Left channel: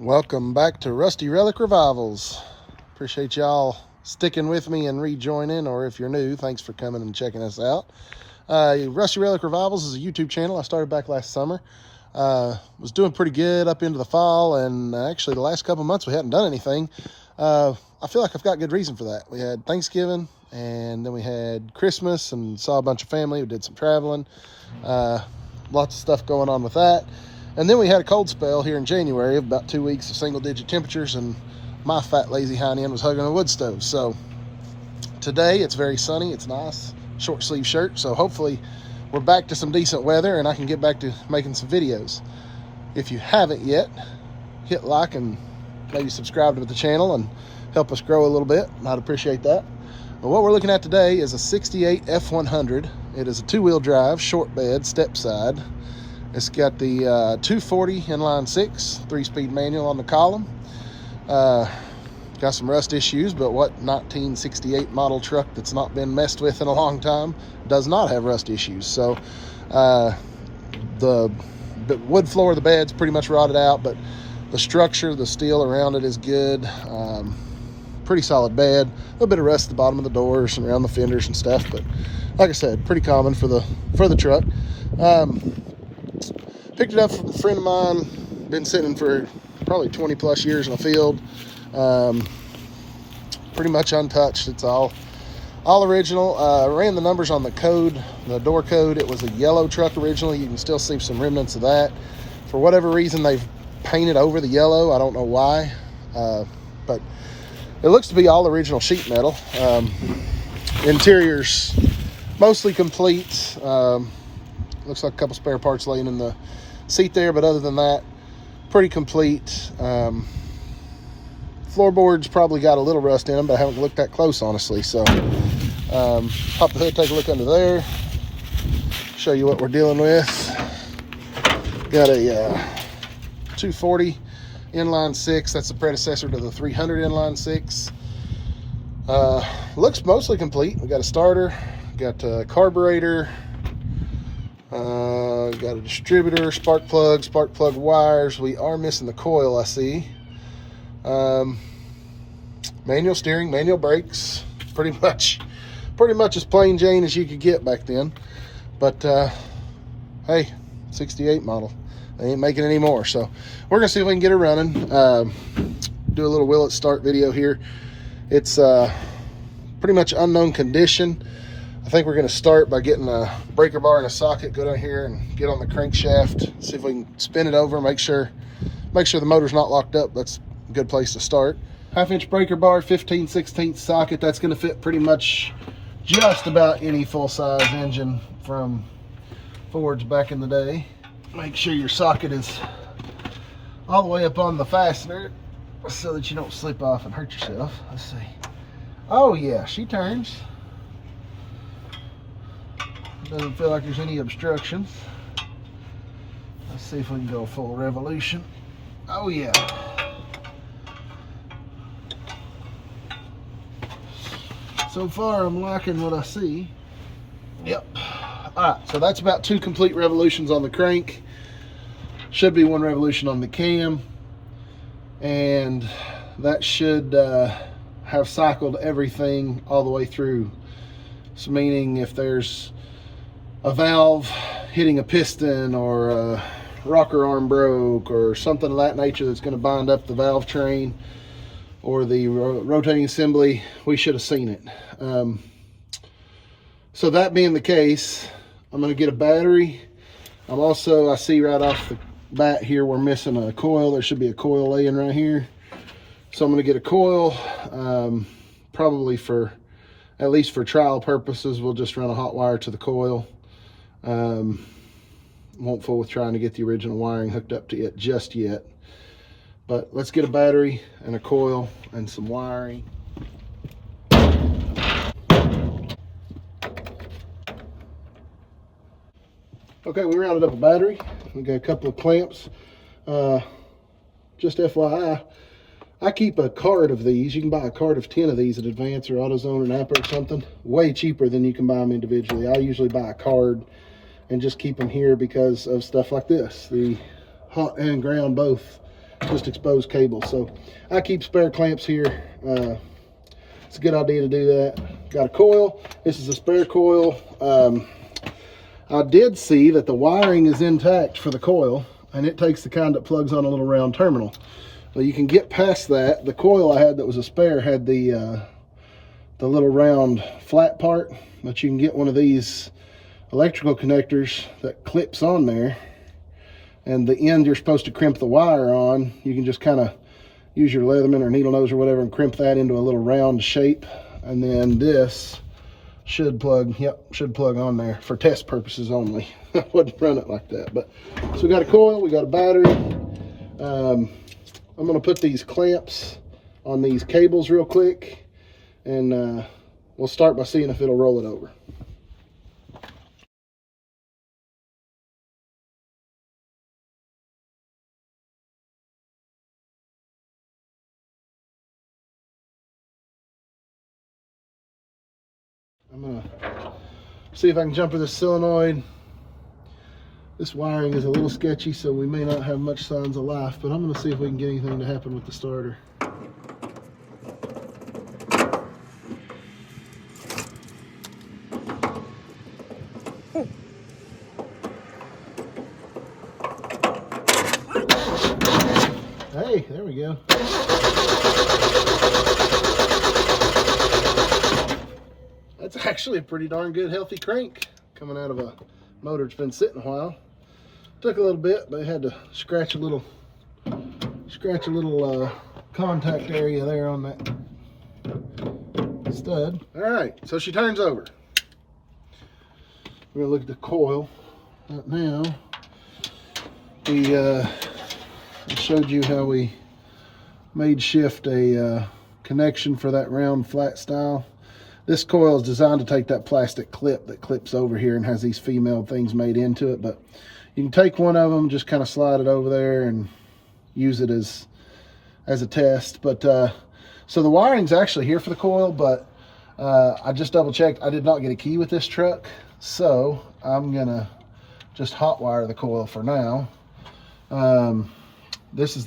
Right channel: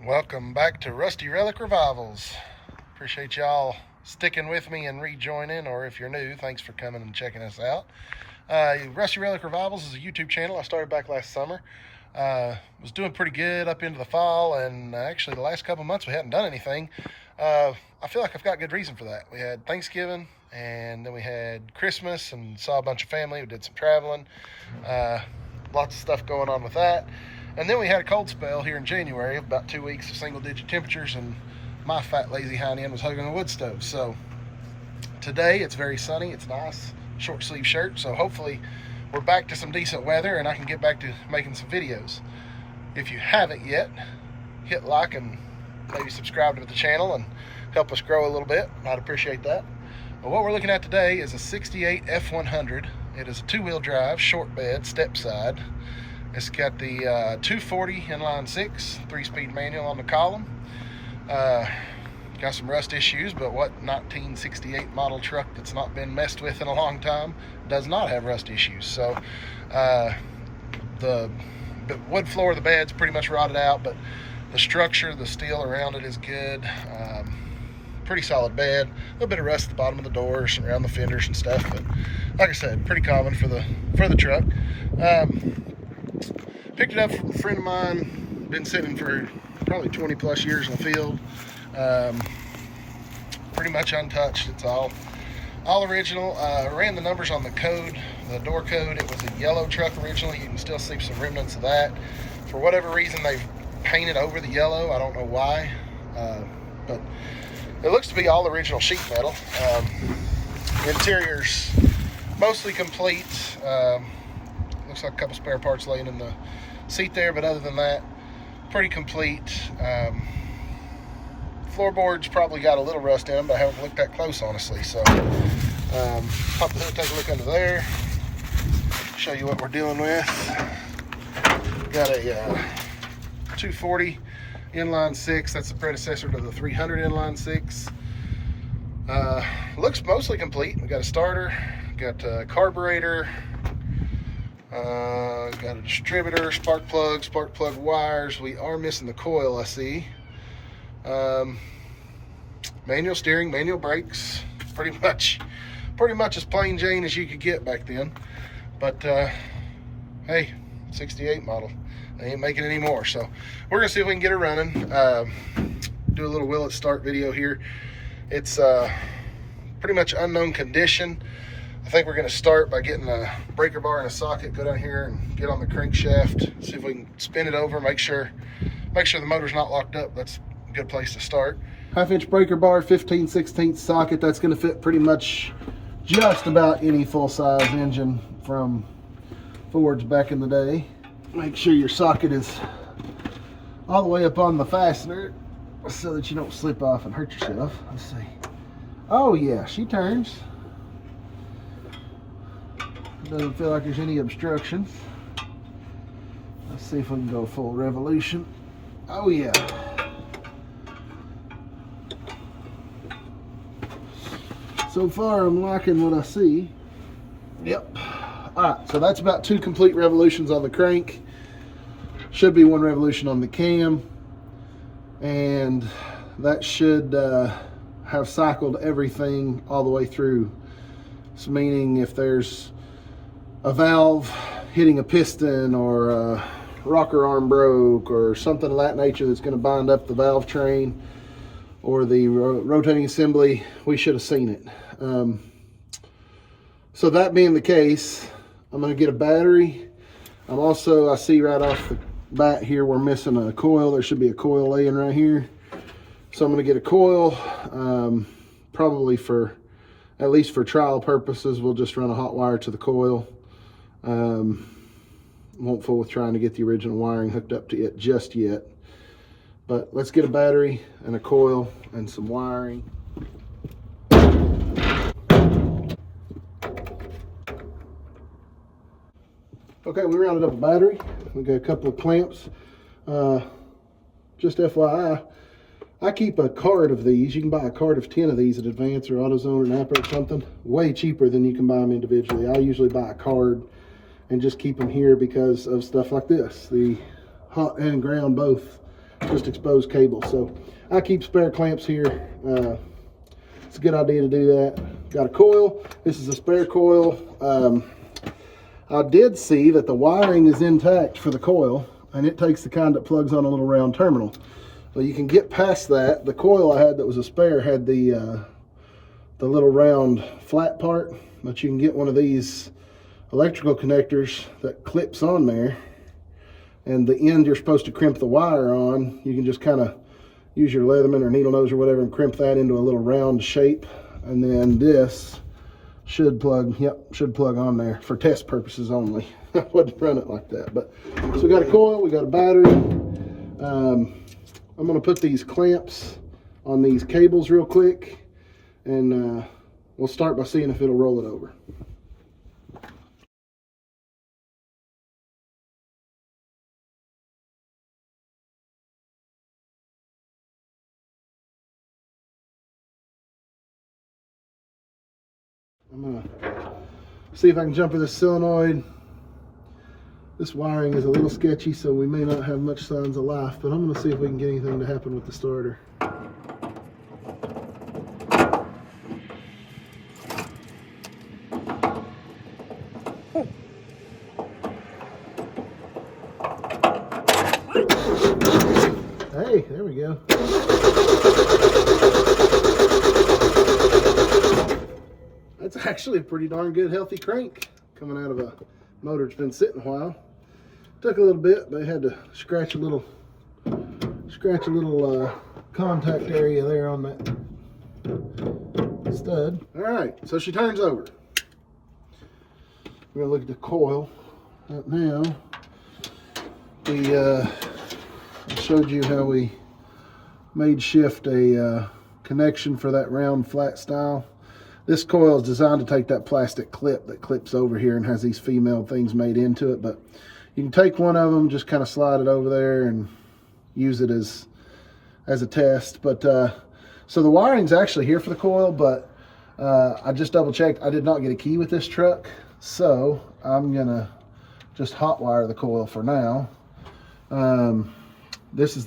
Welcome back to Rusty Relic Revivals. Appreciate y'all sticking with me and rejoining, or if you're new, thanks for coming and checking us out. Rusty Relic Revivals is a YouTube channel I started back last summer. Was doing pretty good up into the fall, and actually the last couple months we hadn't done anything. I feel like I've got good reason for that. We had Thanksgiving, and then we had Christmas, and saw a bunch of family. We did some traveling. Lots of stuff going on with that. And then we had a cold spell here in January of about 2 weeks of single-digit temperatures, and my fat, lazy hind end was hugging a wood stove. So today it's very sunny. It's nice, short sleeve shirt. So hopefully we're back to some decent weather and I can get back to making some videos. If you haven't yet, hit like and maybe subscribe to the channel and help us grow a little bit. I'd appreciate that. But what we're looking at today is a 68 F100. It is a two-wheel drive, short bed, step side. It's got the 240 inline 6, 3-speed manual on the column. Got some rust issues, but what 1968 model truck that's not been messed with in a long time does not have rust issues? So the wood floor of the bed's pretty much rotted out, but the structure, the steel around it is good. Pretty solid bed. A little bit of rust at the bottom of the doors and around the fenders and stuff, but like I said, pretty common for the truck. Picked it up from a friend of mine, been sitting for probably 20 plus years in the field. Pretty much untouched. It's all original. Ran the numbers on the code, the door code. It was a yellow truck originally. You can still see some remnants of that. For whatever reason, they've painted over the yellow. I don't know why, but it looks to be all original sheet metal. Interior's mostly complete. Looks like a couple spare parts laying in the seat there, but other than that, pretty complete. Floorboards probably got a little rust in them, but I haven't looked that close, honestly. So pop the hood, take a look under there, show you what we're dealing with. Got a 240 inline 6. That's the predecessor to the 300 inline 6. Looks mostly complete. We got a starter, got a carburetor, got a distributor, spark plug wires. We are missing the coil, I see. Manual steering, manual brakes. Pretty much as plain Jane as you could get back then. But hey, 68 model. They ain't making any more. So we're gonna see if we can get it running. Do a little will it start video here. It's pretty much unknown condition. I think we're going to start by getting a breaker bar and a socket, go down here and get on the crankshaft, see if we can spin it over, make sure the motor's not locked up. That's a good place to start. 1/2-inch breaker bar, 15/16 socket. That's going to fit pretty much just about any full-size engine from Fords back in the day. Make sure your socket is all the way up on the fastener so that you don't slip off and hurt yourself. Let's see. Oh yeah, she turns. Doesn't feel like there's any obstruction. Let's see if we can go full revolution. Oh yeah. So far I'm liking what I see. Yep. Alright, so that's about 2 complete revolutions on the crank. Should be 1 revolution on the cam. And that should have cycled everything all the way through. So meaning if there's a valve hitting a piston or a rocker arm broke or something of that nature that's going to bind up the valve train or the rotating assembly, we should have seen it. So that being the case, I'm going to get a battery. I see right off the bat here we're missing a coil. There should be a coil laying right here. So I'm going to get a coil, probably at least for trial purposes. We'll just run a hot wire to the coil. Won't fool with trying to get the original wiring hooked up to it just yet. But let's get a battery and a coil and some wiring. Okay, we rounded up a battery. We got a couple of clamps. Just FYI, I keep a card of these. You can buy a card of 10 of these at Advance or AutoZone or Napa or something. Way cheaper than you can buy them individually. I usually buy a card and just keep them here because of stuff like this. The hot and ground both just exposed cable. So I keep spare clamps here. It's a good idea to do that. Got a coil. This is a spare coil. I did see that the wiring is intact for the coil, and it takes the kind that plugs on a little round terminal. But you can get past that. The coil I had that was a spare had the little round flat part, but you can get one of these electrical connectors that clips on there, and the end you're supposed to crimp the wire on, you can just kind of use your Leatherman or needle nose or whatever and crimp that into a little round shape, and then this should plug on there for test purposes only. I wouldn't run it like that. But so we got a coil, we got a battery. I'm going to put these clamps on these cables real quick, and we'll start by seeing if it'll roll it over. I'm gonna see if I can jumper this solenoid. This wiring is a little sketchy, so we may not have much signs of life, but I'm gonna see if we can get anything to happen with the starter. Hey, there we go. That's actually a pretty darn good healthy crank coming out of a motor that's been sitting a while. Took a little bit, but I had to scratch a little contact area there on that stud. All right, so she turns over. We're gonna look at the coil. Right now, we showed you how we made shift a connection for that round flat style. This coil is designed to take that plastic clip that clips over here and has these female things made into it, but you can take one of them, just kind of slide it over there and use it as a test. But so the wiring's actually here for the coil, but I just double checked. I did not get a key with this truck, so I'm gonna just hot wire the coil for now. There's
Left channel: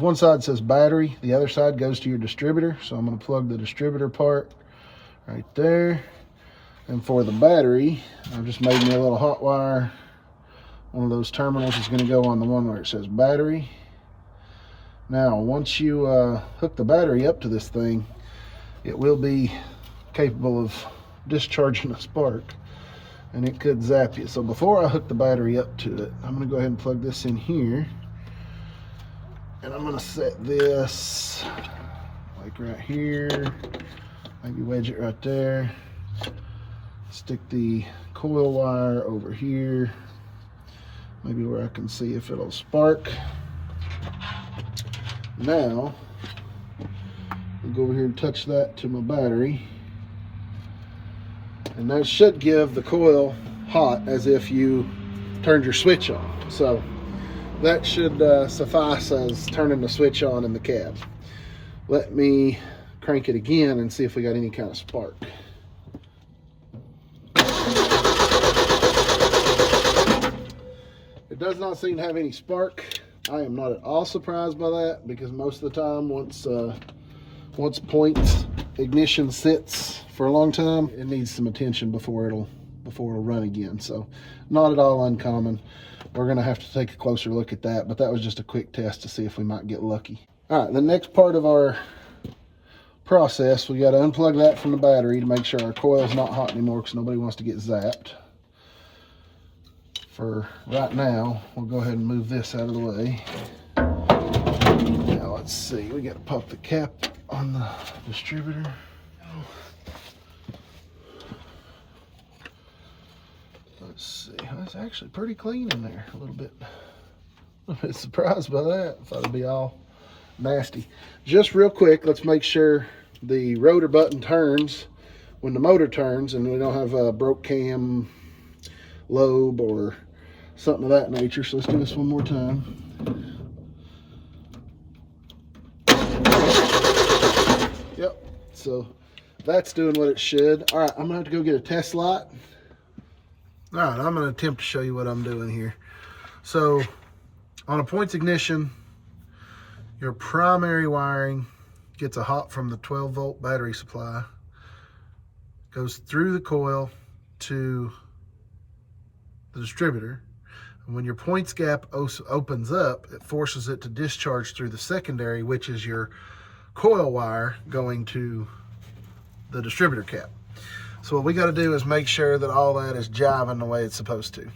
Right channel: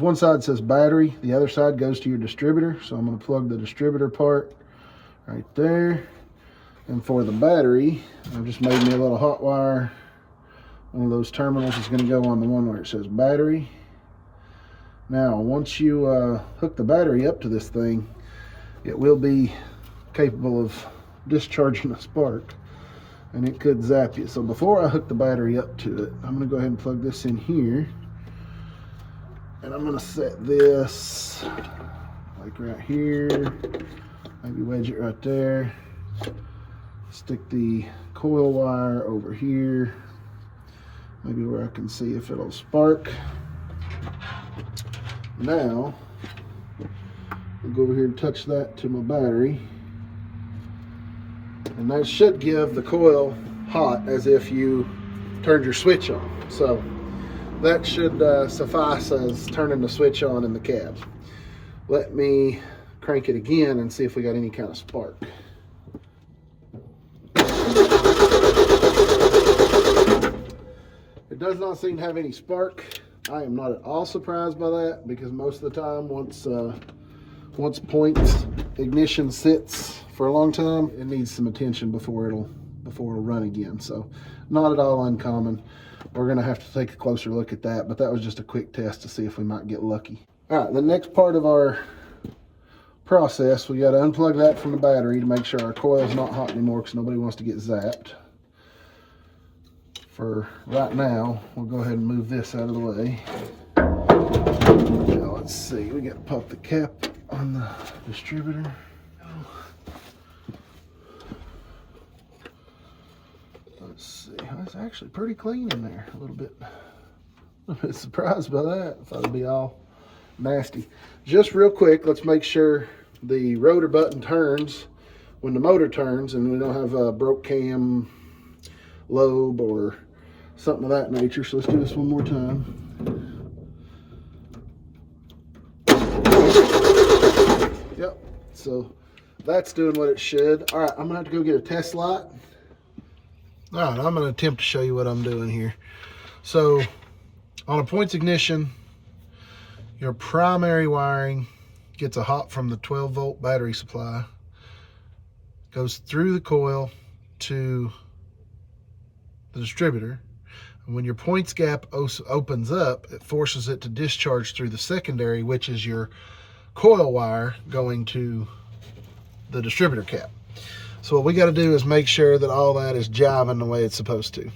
one side that says battery, the other side goes to your distributor, so I'm gonna plug the distributor part right there. And for the battery, I've just made me a little hot wire. One of those terminals is going to go on the one where it says battery. Now, once you hook the battery up to this thing, it will be capable of discharging a spark, and it could zap you. So before I hook the battery up to it, I'm going to go ahead and plug this in here, and I'm going to set this like right here. Maybe wedge it right there. Stick the coil wire over here, maybe where I can see if it'll spark. Now, I'll go over here and touch that to my battery, and that should give the coil hot as if you turned your switch on. So that should suffice as turning the switch on in the cab. Let me crank it again and see if we got any kind of spark. It does not seem to have any spark. I am not at all surprised by that, because most of the time, once point ignition sits for a long time, it needs some attention before it'll run again. So not at all uncommon. We're gonna have to take a closer look at that, but that was just a quick test to see if we might get lucky. All right, the next part of our process, we got to unplug that from the battery to make sure our coil's not hot anymore, because nobody wants to get zapped. For right now, we'll go ahead and move this out of the way. Now let's see, we got to pop the cap on the distributor. Let's see, that's actually pretty clean in there. A little bit surprised by that. I thought it'd be all nasty. Just real quick, let's make sure the rotor button turns when the motor turns, and we don't have a broke cam lobe or something of that nature. So let's do this one more time. Yep, so that's doing what it should. All right, I'm gonna have to go get a test light. All right, I'm gonna attempt to show you what I'm doing here. So on a points ignition, Your primary wiring gets a hot from the 12-volt battery supply, goes through the coil to the distributor. And when your points gap opens up, it forces it to discharge through the secondary, which is your coil wire going to the distributor cap. So what we got to do is make sure that all that is jiving the way it's supposed to.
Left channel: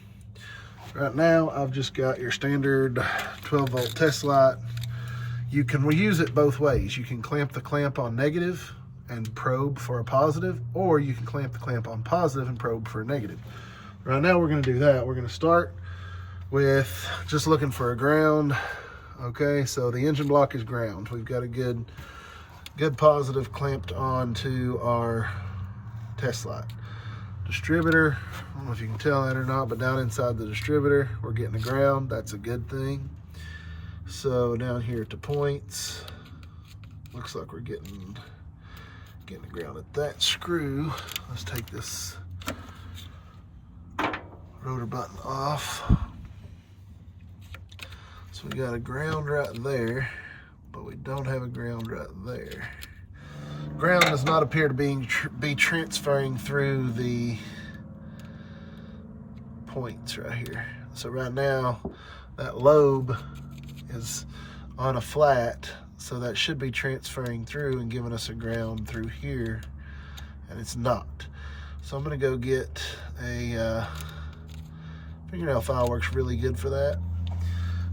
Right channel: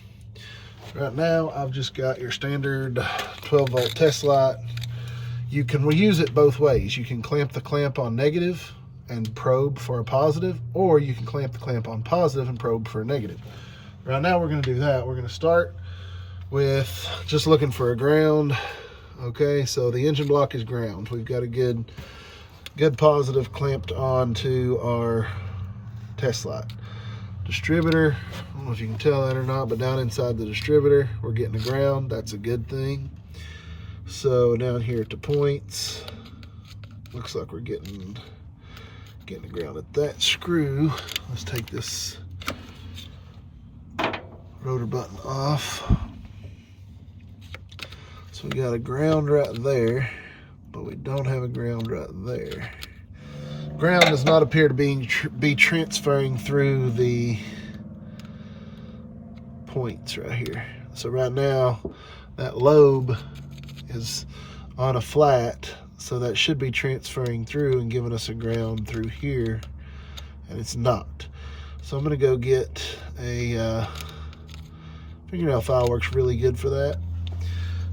Right now, I've just got your standard 12-volt test light. You can reuse it both ways. You can clamp the clamp on negative and probe for a positive, or you can clamp the clamp on positive and probe for a negative. Right now, we're going to do that. We're going to start with just looking for a ground. Okay, so the engine block is ground. We've got a good positive clamped onto our test light. Distributor, I don't know if you can tell that or not, but down inside the distributor, we're getting a ground. That's a good thing. So down here at the points, looks like we're getting a ground at that screw. Let's take this rotor button off. So we got a ground right there, but we don't have a ground right there. Ground does not appear to be transferring through the points right here. So right now, that lobe is on a flat, so that should be transferring through and giving us a ground through here, and it's not. So I'm gonna go get a fingernail file. Works really good for that.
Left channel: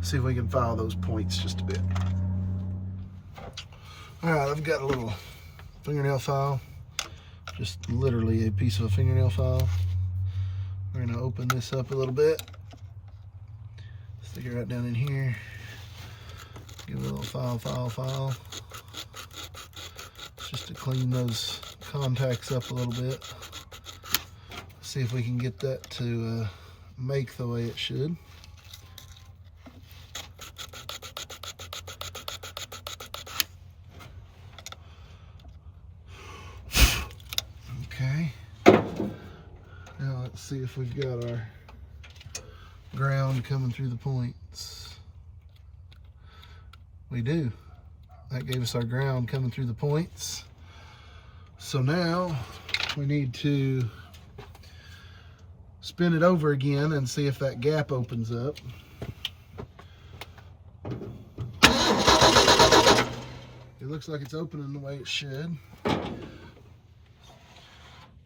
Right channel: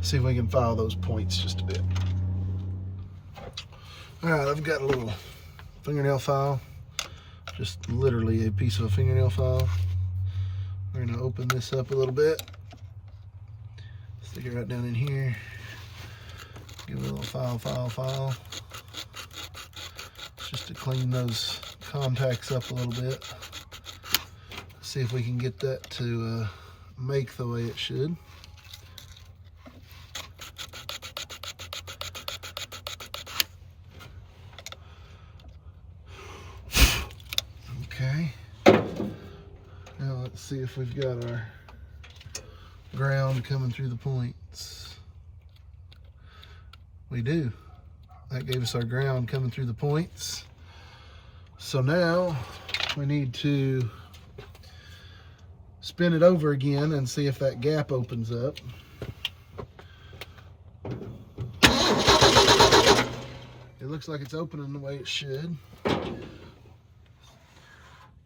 See if we can file those points just a bit. All right, I've got a little fingernail file, just literally a piece of a fingernail file. We're gonna open this up a little bit, stick it right down in here, give it a little file, just to clean those contacts up a little bit. See if we can get that to make the way it should. Okay, now let's see if we've got our ground coming through the points. We do. That gave us our ground coming through the points. So now we need to spin it over again and see if that gap opens up. It looks like it's opening the way it should.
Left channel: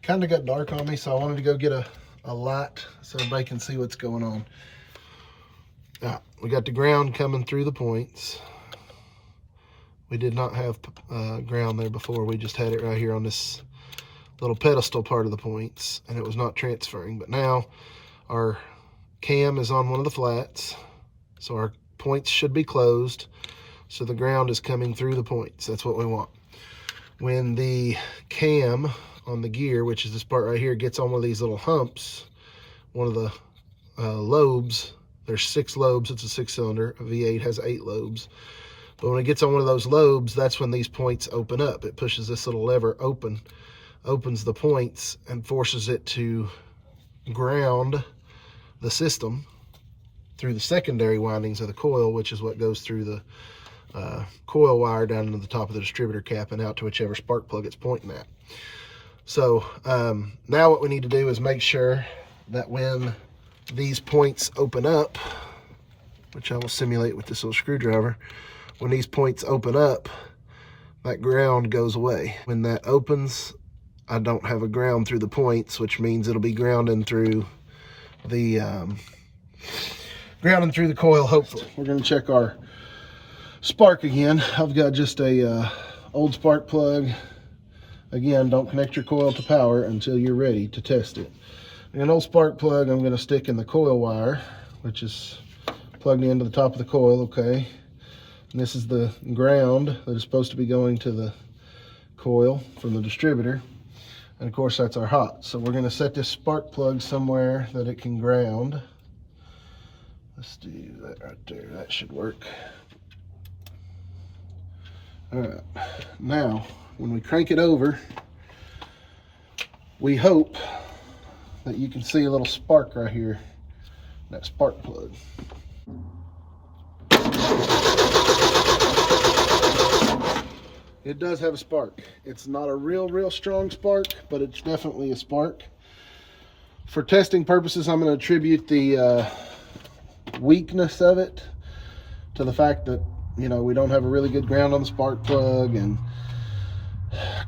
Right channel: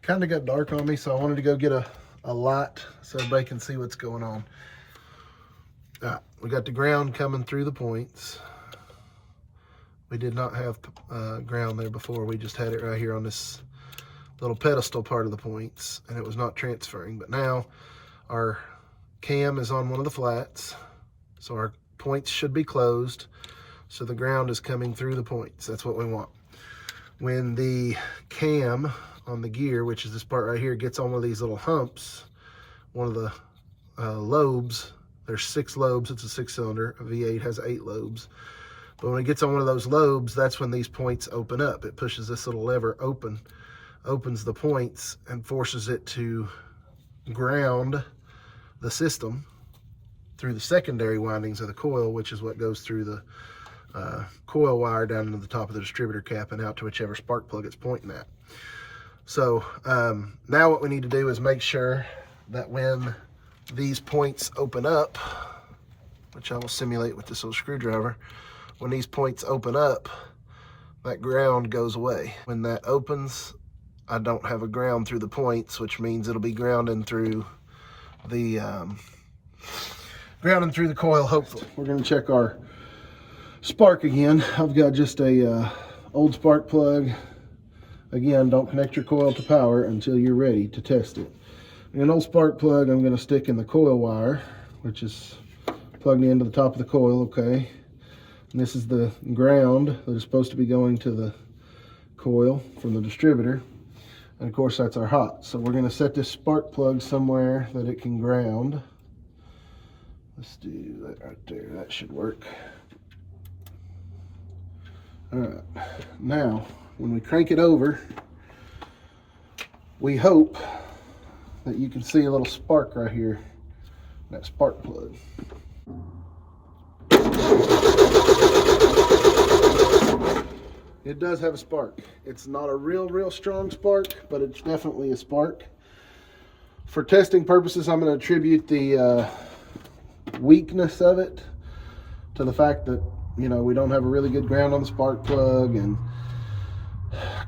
Kind of got dark on me, so I wanted to go get a light so everybody can see what's going on. All right, we got the ground coming through the points. We did not have ground there before. We just had it right here on this little pedestal part of the points, and it was not transferring. But now our cam is on one of the flats, so our points should be closed. So the ground is coming through the points. That's what we want. When the cam on the gear, which is this part right here, gets on one of these little humps, one of the lobes, there's 6 lobes, it's a 6-cylinder, a V8 has 8 lobes. But when it gets on one of those lobes, that's when these points open up. It pushes this little lever open, opens the points, and forces it to ground the system through the secondary windings of the coil, which is what goes through the coil wire down into the top of the distributor cap and out to whichever spark plug it's pointing at. So now what we need to do is make sure that when these points open up, which I will simulate with this little screwdriver, when these points open up, that ground goes away. When that opens, I don't have a ground through the points, which means it'll be grounding through the coil, hopefully. We're gonna check our spark again. I've got just a old spark plug. Again, don't connect your coil to power until you're ready to test it. An old spark plug I'm gonna stick in the coil wire, which is plugged into the top of the coil, okay? And this is the ground that is supposed to be going to the coil from the distributor. And of course, that's our hot. So we're gonna set this spark plug somewhere that it can ground. Let's do that right there, that should work. All right, now, when we crank it over, we hope that you can see a little spark right here, that spark plug. It does have a spark. It's not a real strong spark, but it's definitely a spark. For testing purposes, I'm going to attribute the weakness of it to the fact that, you know, we don't have a really good ground on the spark plug, and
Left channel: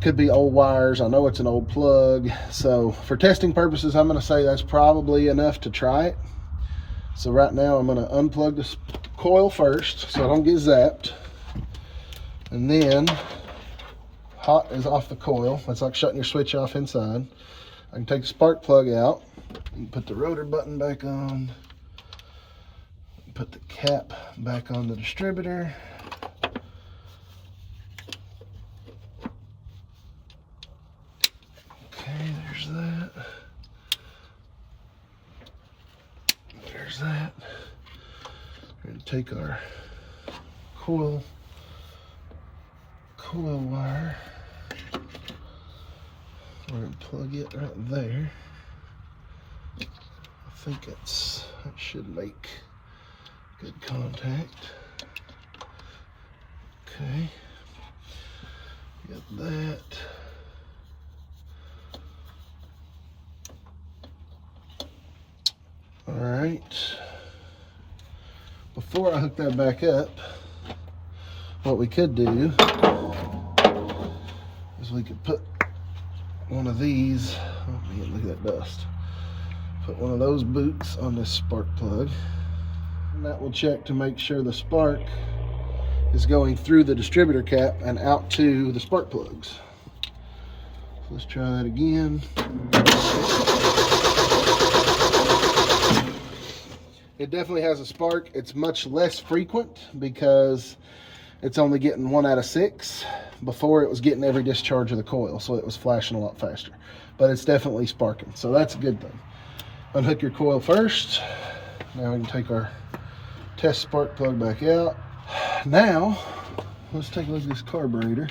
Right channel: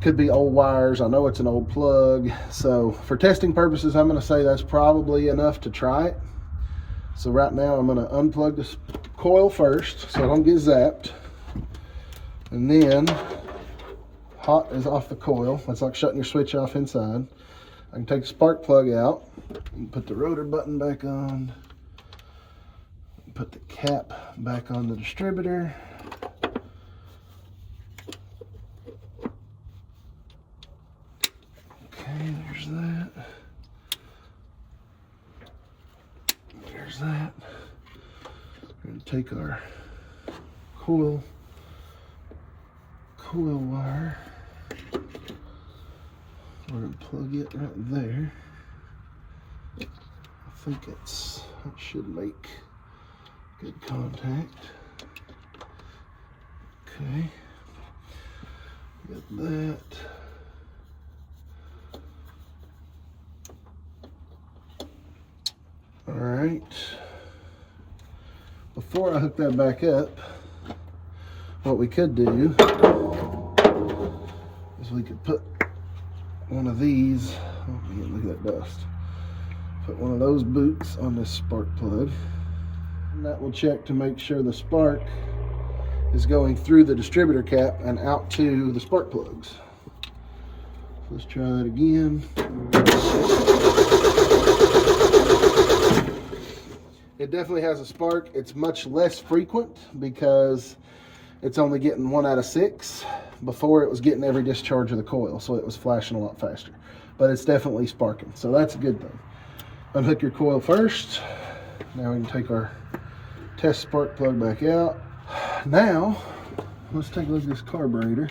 could be old wires. I know it's an old plug. So for testing purposes, I'm going to say that's probably enough to try it. So right now I'm going to unplug the coil first so I don't get zapped. And then hot is off the coil. It's like shutting your switch off inside. I can take the spark plug out. You can put the rotor button back on. Put the cap back on the distributor. Okay, there's that. There's that. We're going to take our coil wire. We're going to plug it right there. I think that should make good contact. Okay. Get that. All right. Before I hook that back up, what we could do is we could put one of these, oh man, look at that dust. Put one of those boots on this spark plug. And that will check to make sure the spark is going through the distributor cap and out to the spark plugs. So let's try that again. It definitely has a spark. It's much less frequent because it's only getting 1 out of 6. Before it was getting every discharge of the coil, so it was flashing a lot faster. But it's definitely sparking, so that's a good thing. Unhook your coil first. Now we can take our test spark plug back out. Now, let's take a look at this carburetor.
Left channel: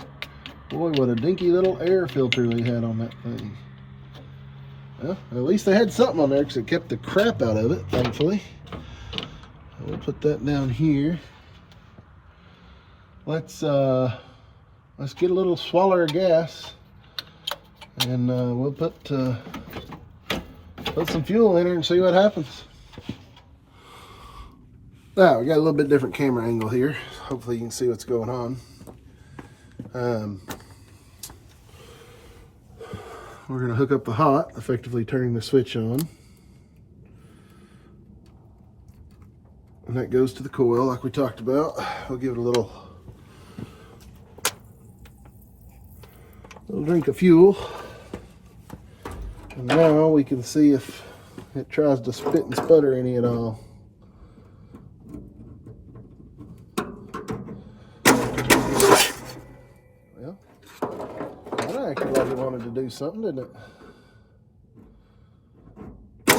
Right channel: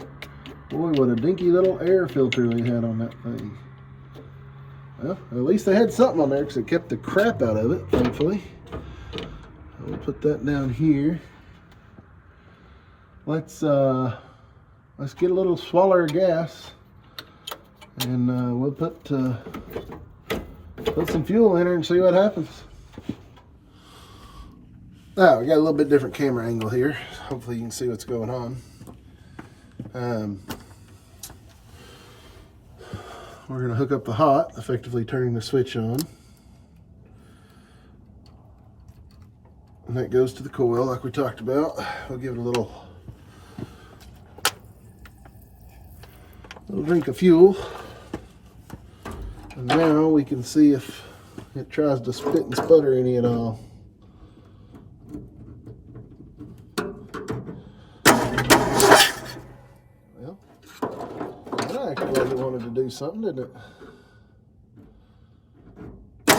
Boy, what a dinky little air filter they had on that thing. Well, at least they had something on there because it kept the crap out of it, thankfully. We'll put that down here. Let's get a little swallower of gas, and we'll put some fuel in her and see what happens. Now we got a little bit different camera angle here. Hopefully you can see what's going on. We're going to hook up the hot, effectively turning the switch on. And that goes to the coil like we talked about. We'll give it a little drink of fuel. And now we can see if it tries to spit and sputter any at all. Well, that acted like it wanted to do something, didn't it? I'm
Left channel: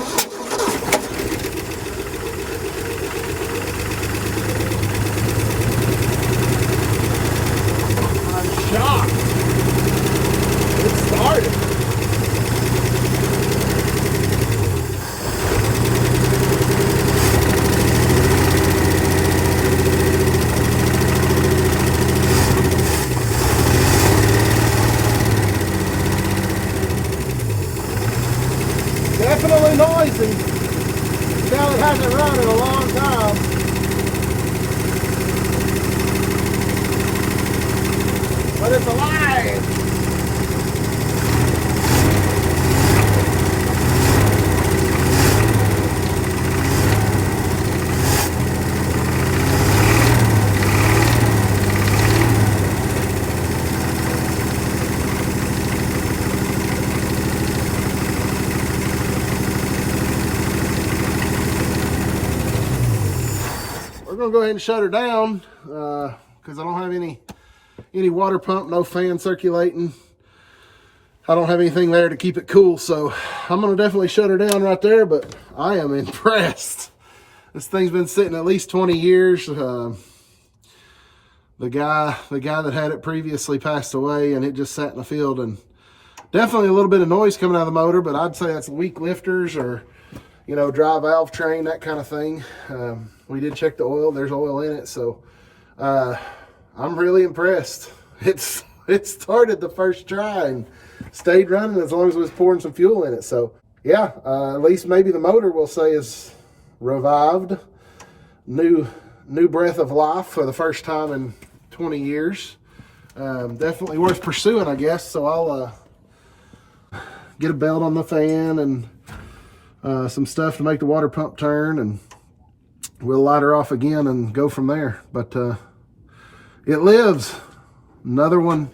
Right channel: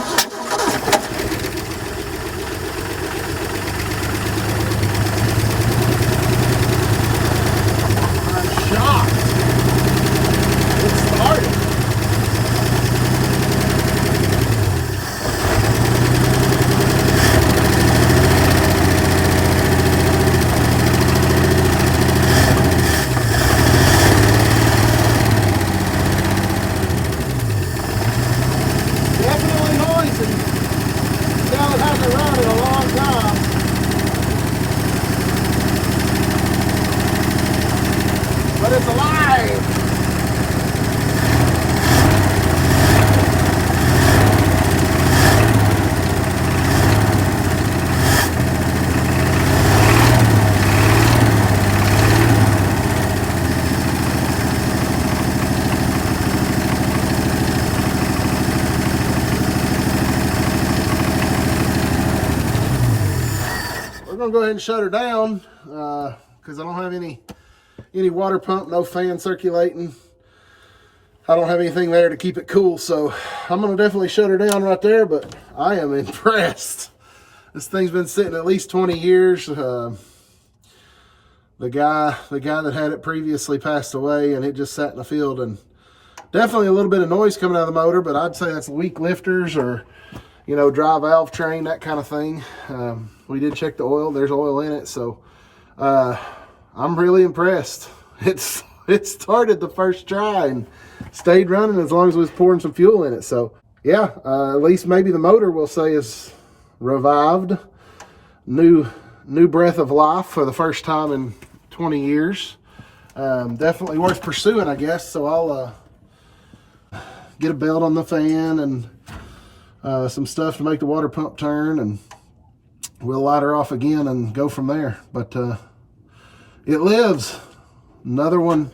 shocked. It started. Definitely noisy. So it hasn't run in a long time. But it's alive. We're gonna go ahead and shut her down because I don't have any water pump, no fan circulating. I don't have anything there to keep it cool, so I'm gonna definitely shut her down right there. But I am impressed. This thing's been sitting at least 20 years. The guy that had it previously passed away, and it just sat in the field, and definitely a little bit of noise coming out of the motor, but I'd say that's weak lifters or, you know, dry valve train, that kind of thing. We did check the oil. There's oil in it, so I'm really impressed. It's it started the first try and stayed running as long as we was pouring some fuel in it. So yeah, at least maybe the motor we'll say is revived. New breath of life for the first time in 20 years. Definitely worth pursuing, I guess. So I'll get a belt on the fan and some stuff to make the water pump turn, and we'll light her off again and go from there. But it lives. Another one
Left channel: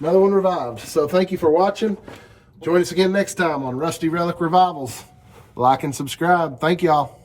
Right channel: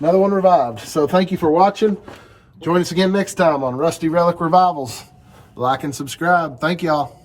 revived. So thank you for watching. Join us again next time on Rusty Relic Revivals. Like and subscribe. Thank y'all.